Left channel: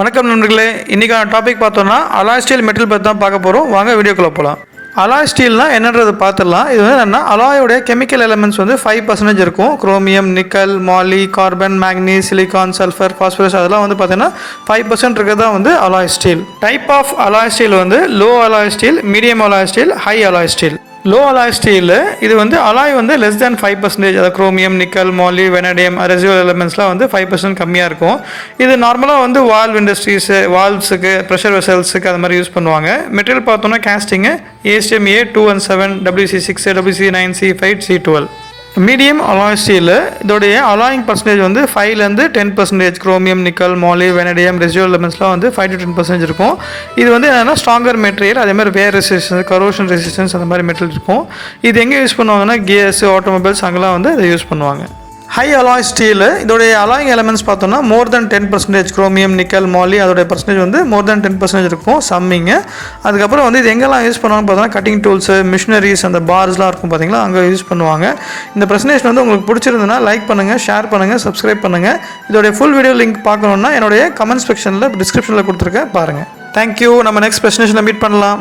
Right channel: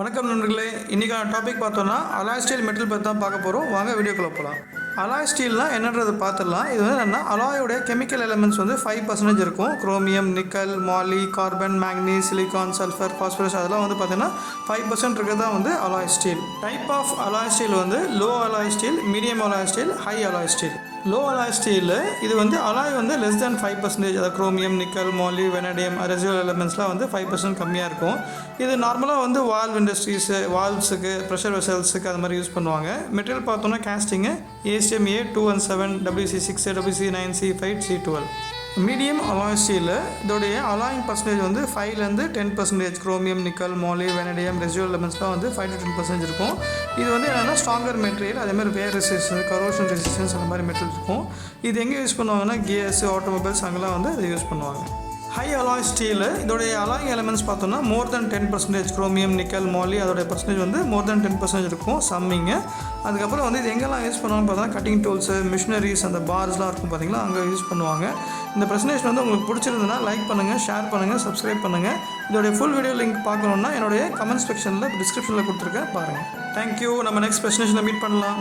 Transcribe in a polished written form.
வணக்கம் நண்பர்களே, இன்றைக்கான டாபிக் பார்த்தோம்னா அலாய் ஸ்டீல் மெட்டல் பற்றி தான் பார்க்க போகிறோம். வாங்க வீடியோக்குள்ளே போகலாம். அலாய் ஸ்டீல்னால் என்னன்றது பார்த்துடலாம். இது வந்து என்னென்னா அலாயோடைய கெமிக்கல் எலமெண்ட்ஸ் வந்து 5% இருக்கும். Chromium, nickel, moly, carbon, manganese, silicon, sulphur, phosphorus அதெல்லாம் வந்து பார்த்தீங்கன்னா 5% இருக்கிறது தான் வந்து alloy steel. Type of alloy steel வந்து low alloy steel, medium alloy steel, high alloy steel. Low alloy steel இது வந்து அலாய் வந்து லெஸ் தேன் 5%, அதாவது chromium, nickel, moly, vanadium, residual எலமெண்ட்ஸ்லாம் வந்து 5% கம்மியாக இருக்கும். இது நார்மலாக வந்து வால்வ் இண்டஸ்ட்ரீஸு, வால்வ்ஸுக்கு, ப்ரெஷர் வெசல்ஸுக்கு அது மாதிரி யூஸ் பண்ணுவாங்க. மெட்டீரியல் பார்த்தோன்னா casting ASTM A217, WC6, WC9, C5, C12. Medium alloy steel இதோடைய அலாயிங் பர்சன்டேஜ் வந்து 5லேருந்து 10%. Chromium, nickel, moly, vanadium, residual எலமெண்ட்ஸ்லாம் வந்து 5 to 10% இருக்கும். இது வந்து என்னென்னா ஸ்ட்ராங்கர் மெட்டீரியல், அதேமாதிரி வேர் ரெசிஸ்டன்ஸ், கரோஷன் ரெசிஸ்டன்ஸ் அந்த மாதிரி மெட்டீரியல் இருக்கும். இது எங்கே யூஸ் பண்ணுவாங்கன்னா கியர்ஸ், ஆட்டோமொபைல்ஸ் அங்கெல்லாம் வந்து இதை யூஸ் பண்ணுவாங்க. ஹை அலாய் ஸ்டீல் இதோடைய அலாயிங் எலமெண்ட்ஸ் பார்த்தோம்னா மோர் தென் 10%. குரோமியம், நிக்கல், மாலி அதோடைய பர்சன்டேஜ் வந்து மோர் தென் 10% இருக்கும் சம்மிங்கு. அதுக்கப்புறம் வந்து இது எங்கெல்லாம் யூஸ் பண்ணுவாங்கன்னு பார்த்தோன்னா கட்டிங் டூல்ஸு, மிஷினரிஸ், அந்த பார்ஸ்லாம் இருக்கும் பார்த்தீங்களா, அங்கே யூஸ் பண்ணுவாங்க. இந்த ப்ரெசன்டேஷன் வந்து உங்களுக்கு பிடிச்சிருந்ததுன்னா லைக் பண்ணுங்கள், ஷேர் பண்ணுங்கள், சப்ஸ்கிரைப் பண்ணுங்கள். இதோடைய ஃபுல் வீடியோ லிங்க் பார்க்கணுன்னா என்னுடைய கமெண்ட் செக்ஷனில் டிஸ்கிரிப்ஷனில் கொடுத்துருக்கேன் பாருங்கள். தேங்க்யூ. நம்ம நெக்ஸ்ட் ப்ரெசன்டேஷனில் மீட் பண்ணலாம்.